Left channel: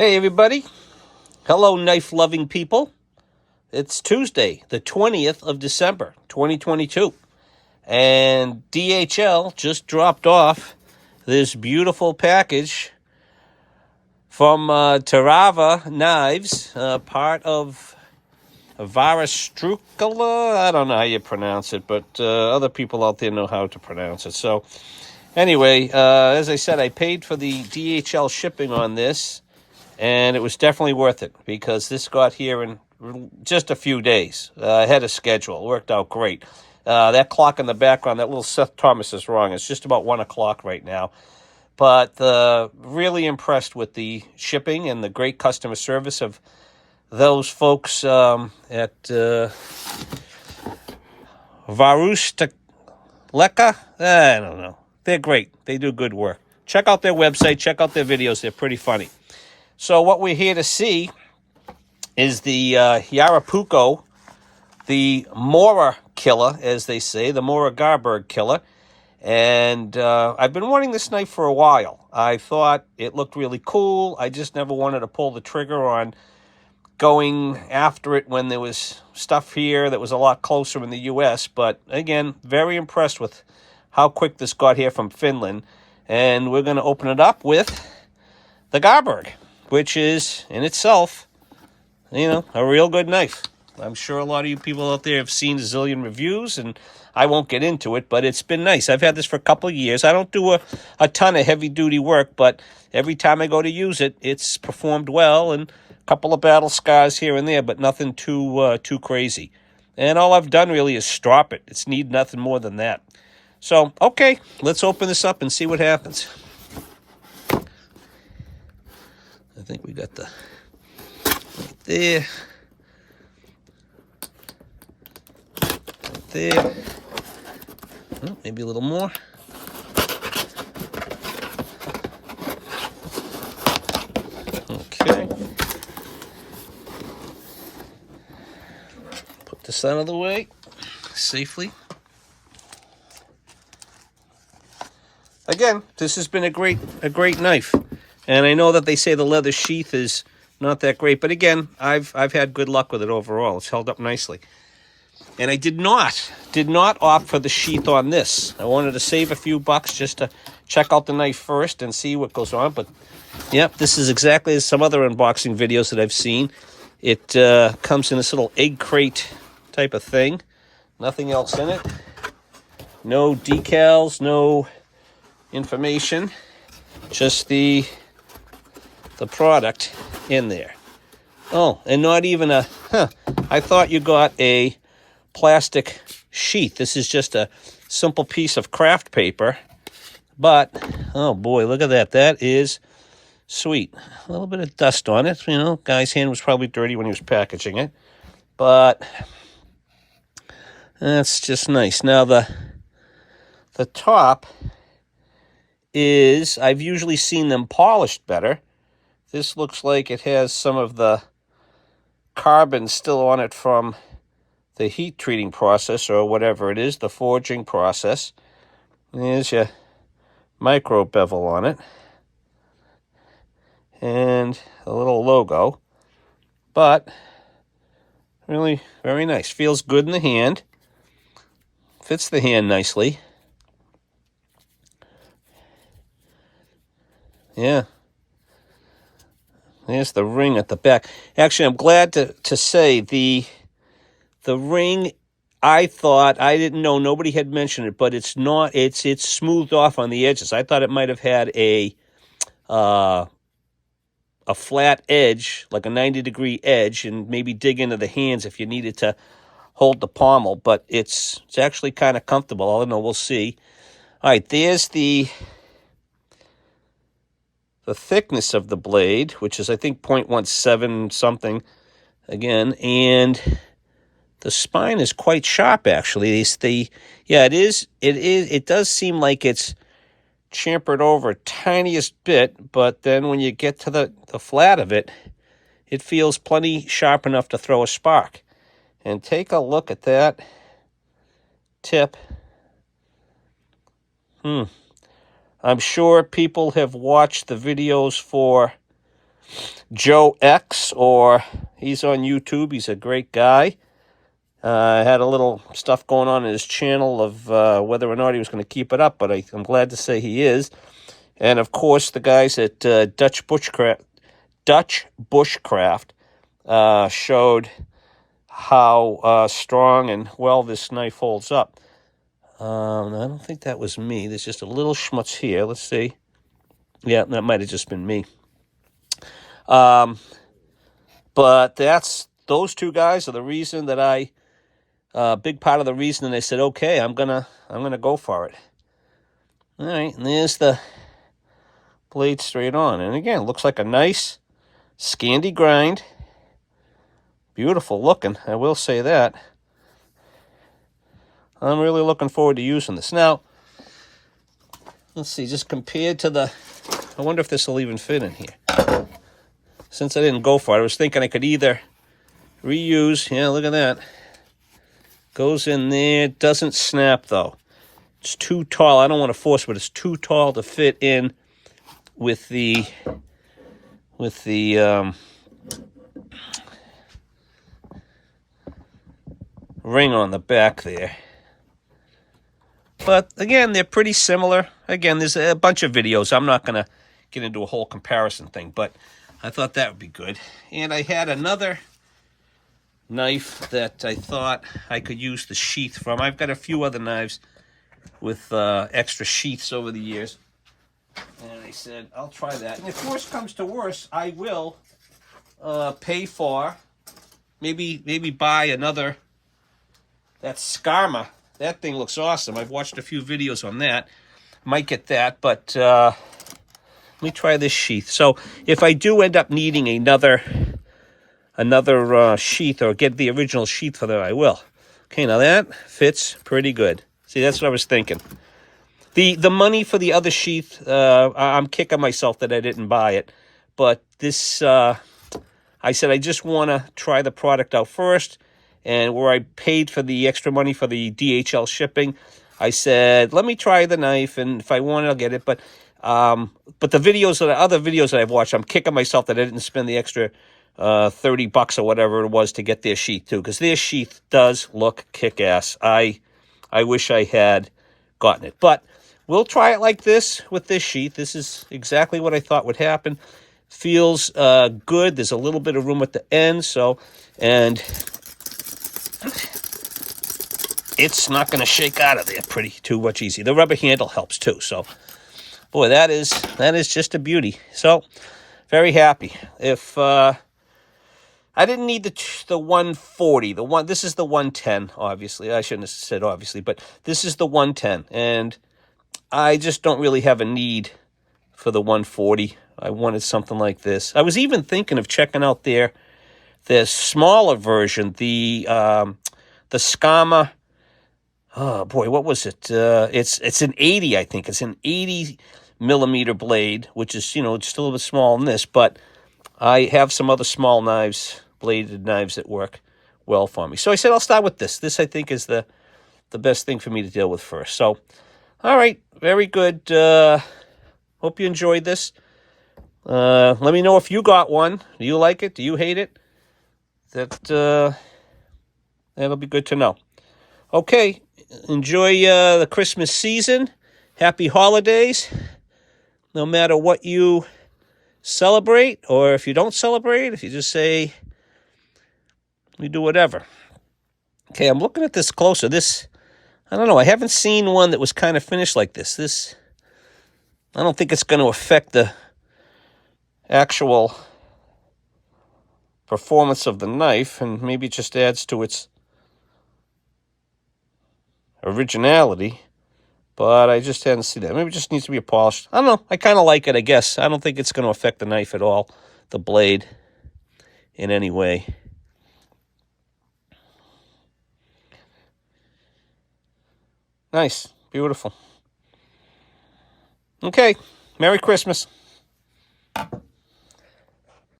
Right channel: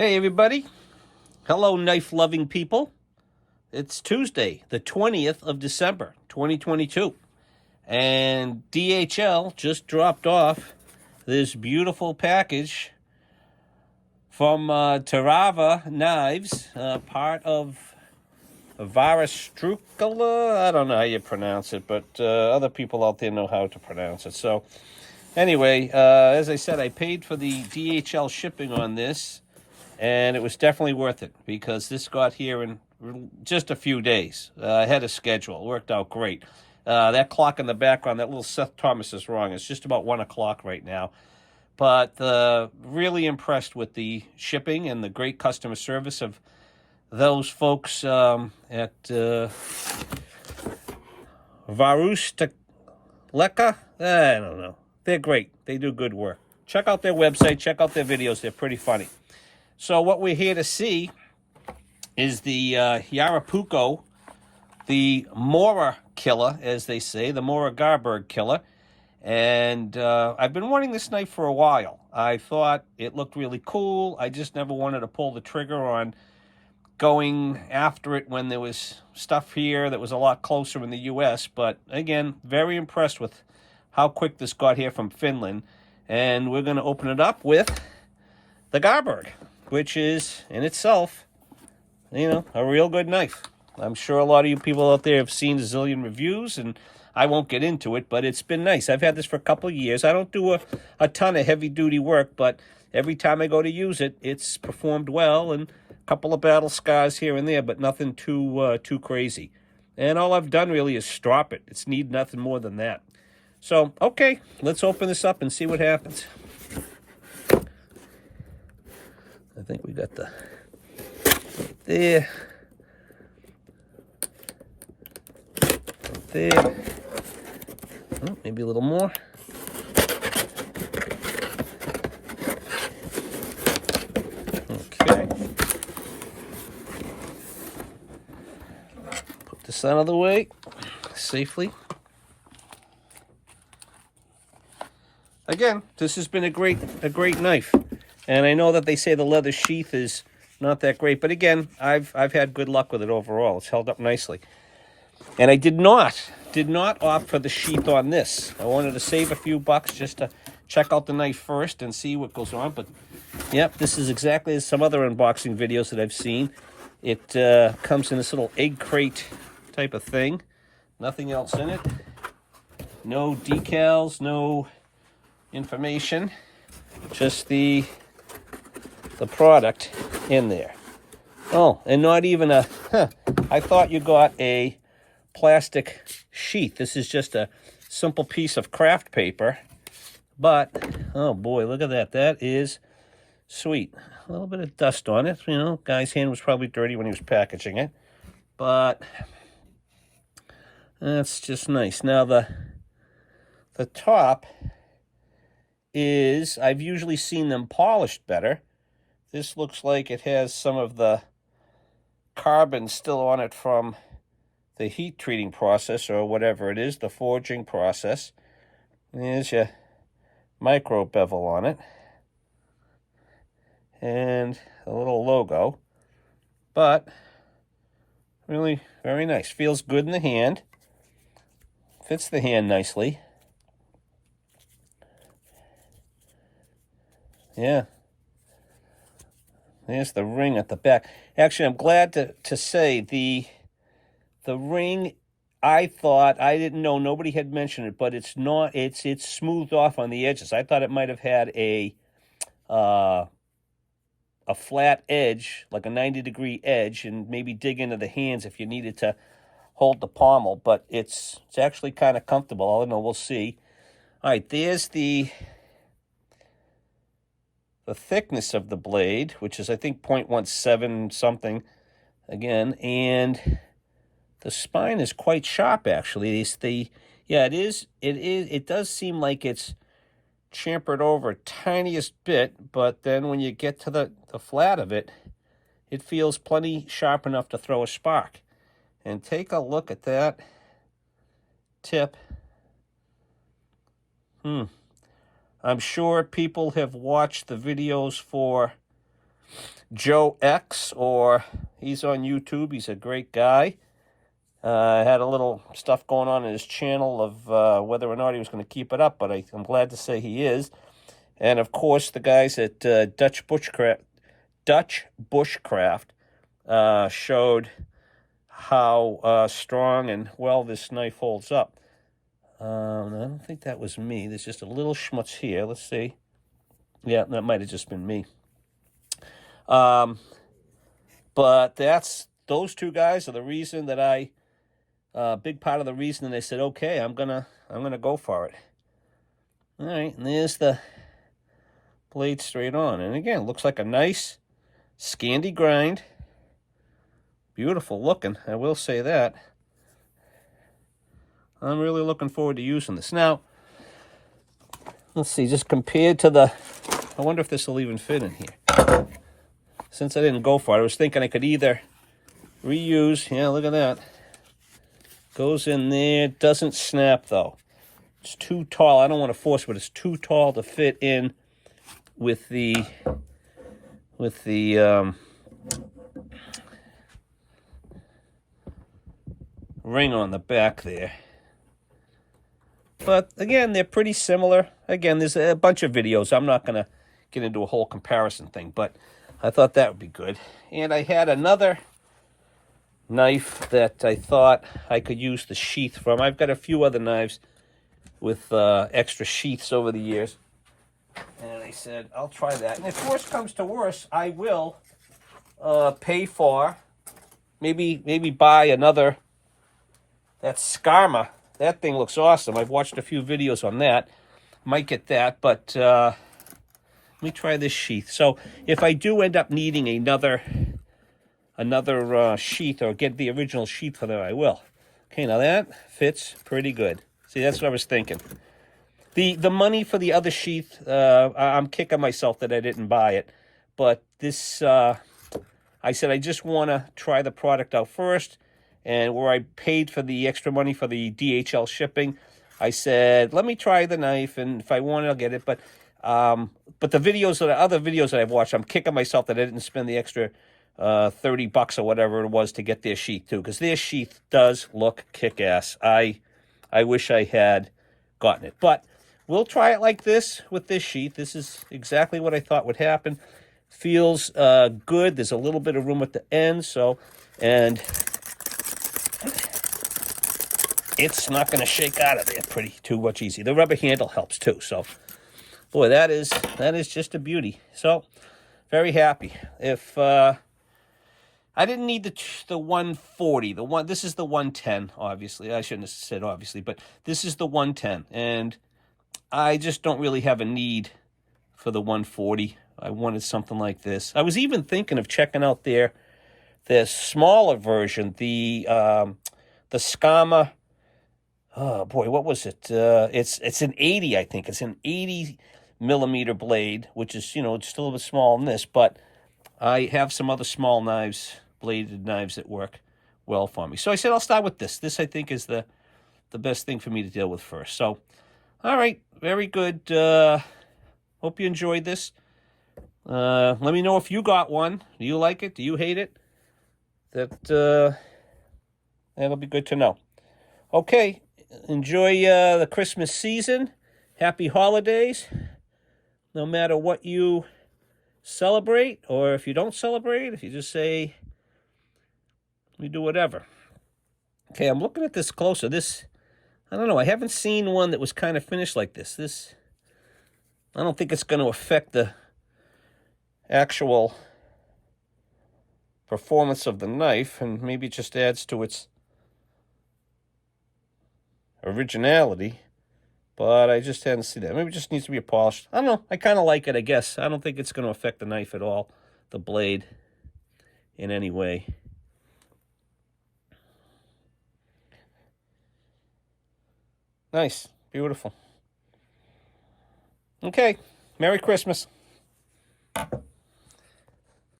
Hey everybody, hello knife-loving people. It's Tuesday, the 20th of December, 2022, and DHL just dropped off this beautiful package from Terava Knives, part of Varastrukala. I don't know how you pronounce it, but other people out there know how to pronounce it. So anyway, as I said, I paid for the DHL shipping on this, and it was definitely worth it because this got here in just a few days. Ahead of schedule. It worked out great. That clock in the background, that little Seth Thomas is wrong. It's just about 1 o'clock right now. But really impressed with the shipping and the great customer service of those folks at Varustaleka. I don't know. They're great. They do good work. Check out their website. Check out their videos. They're pretty funny. So what we're here to see is the Jaakaripuukko, the Mora killer, as they say, the Mora Garberg killer. And I've been wanting this knife for a while. I thought it looked really cool. I just never wanted to pull the trigger on going after it when there was stuff here that was a lot closer in the U.S. But again, very impressed with how quick this got here from Finland. And we're going to open it up with the Garberg, which is, in itself, a real good knife. I'm sure a lot of you people out there have seen a zillion reviews, and I won't get into it, but it's been nice. I've had this for a couple of years. I don't do a ton of heavy-duty work, but every time I go to use it, it's performed well, and a couple of battle scars here and there, but nothing too crazy. And all I've done really is strop it. It's need nothing more than that. So, okay, let's open this up and see what happens. I think we got the right there, right there. Oh, maybe a little more. Okay. Put this out of the way safely. Again, this has been a great knife. And I know that they say the leather sheath is not that great, but again, I've had good luck with it overall. It's held up nicely. And I did not opt for the sheath on this. I wanted to save a few bucks just to check out the knife first and see what goes on. But yep, this is exactly as some other unboxing videos that I've seen. It comes in this little egg crate type of thing. Nothing else in it. No decals, no information. Just the product in there. Oh, and not even I thought you got a plastic sheath. This is just a simple piece of craft paper. But, oh boy, look at that. That is sweet. A little bit of dust on it. Guy's hand was probably dirty when he was packaging it. But that's just nice. Now, the top is, I've usually seen them polished better. This looks like it has some of the carbon still on it from the heat treating process or whatever it is, the forging process. There's your micro bevel on it. And a little logo. But really very nice. Feels good in the hand. Fits the hand nicely. Yeah. There's the ring at the back. Actually, I'm glad to say the ring, I didn't know, nobody had mentioned it, but it's not, it's smoothed off on the edges. I thought it might have had a flat edge, like a 90-degree edge, and maybe dig into the hands if you needed to hold the pommel, but it's actually kind of comfortable. I don't know, we'll see. All right, there's the thickness of the blade, which is, I think, 0.17 something again, and the spine is quite sharp, actually. It does seem like it's chamfered over tiniest bit, but then when you get to the flat of it, it feels plenty sharp enough to throw a spark. And take a look at that tip. I'm sure people have watched the videos for Joe X, or he's on YouTube. He's a great guy. Had a little stuff going on in his channel of whether or not he was going to keep it up, but I'm glad to say he is. And, of course, the guys at Dutch Bushcraft showed how strong and well this knife holds up. I don't think that was me. There's just a little schmutz here. Let's see. Yeah, that might have just been me. But those two guys are the reason that big part of the reason that I said, okay, I'm gonna go for it. All right, and there's the blade straight on. And again, it looks like a nice Scandi grind. Beautiful looking, I will say that. I'm really looking forward to using this. Now, let's see, just compared to I wonder if this will even fit in here. Since I didn't go for it, I was thinking I could either reuse, yeah, look at that. Goes in there, doesn't snap though. It's too tall. I don't want to force it, but it's too tall to fit in with the ring on the back there. But again, they're pretty similar. Again, there's a bunch of videos. I'm not going to get into a whole comparison thing, but I thought that would be good. And I had another knife that I thought I could use the sheath from. I've got a few other knives with extra sheaths over the years. And I said, I'll try that. And if worse comes to worse, I will pay for, maybe buy another, that Skarma. That thing looks awesome. I've watched a few videos on that. Might get that, but let me try this sheath. So if I do end up needing another sheath, or get the original sheath for that, I will. Okay, now that fits pretty good. See, that's what I was thinking. The money for the other sheath, I'm kicking myself that I didn't buy it. But this, I said I just want to try the product out first. And where I paid for the extra money for the DHL shipping, I said, let me try the knife, and if I want it, I'll get it. But the other videos that I've watched, I'm kicking myself that I didn't spend the extra $30 or whatever it was to get their sheath too, because their sheath does look kick-ass. I wish I had gotten it, but we'll try it like this with this sheath. This is exactly what I thought would happen. Feels good. There's a little bit of room at the end, and it's not going to shake out of there too much easy. The rubber handle helps too. So, boy, that is just a beauty. So, very happy. If I didn't need the 140, this is the 110. Obviously, I shouldn't have said obviously, but this is the 110, and I just don't really have a need for the 140. I wanted something like this. I was even thinking of checking out their smaller version, the Skama. Oh boy, what was it? It's an 80, I think. It's an 80 millimeter blade, which is, it's still a bit small in this, but I have some other small knives, bladed knives that work well for me. So I said I'll start with this. This, I think, is the best thing for me to deal with first. So, all right, very good. Hope you enjoyed this. Let me know if you got one. Do you like it? Do you hate it? That'll be good to know. Okay, enjoy the Christmas season. Happy holidays. No matter what you celebrate, or if you don't celebrate, if you just say, we do whatever. Okay, I'm looking at this closer. This, I don't know, I haven't seen one that was kind of finished like this. I don't think it's going to affect the actual performance of the knife, and maybe it just adds to its originality, but I just hadn't seen that. Maybe it just needs to be polished. I don't know. I kind of like it, I guess. I don't think it's going to affect the knife at all, the blade, in any way. Nice. Beautiful. Okay. Merry Christmas.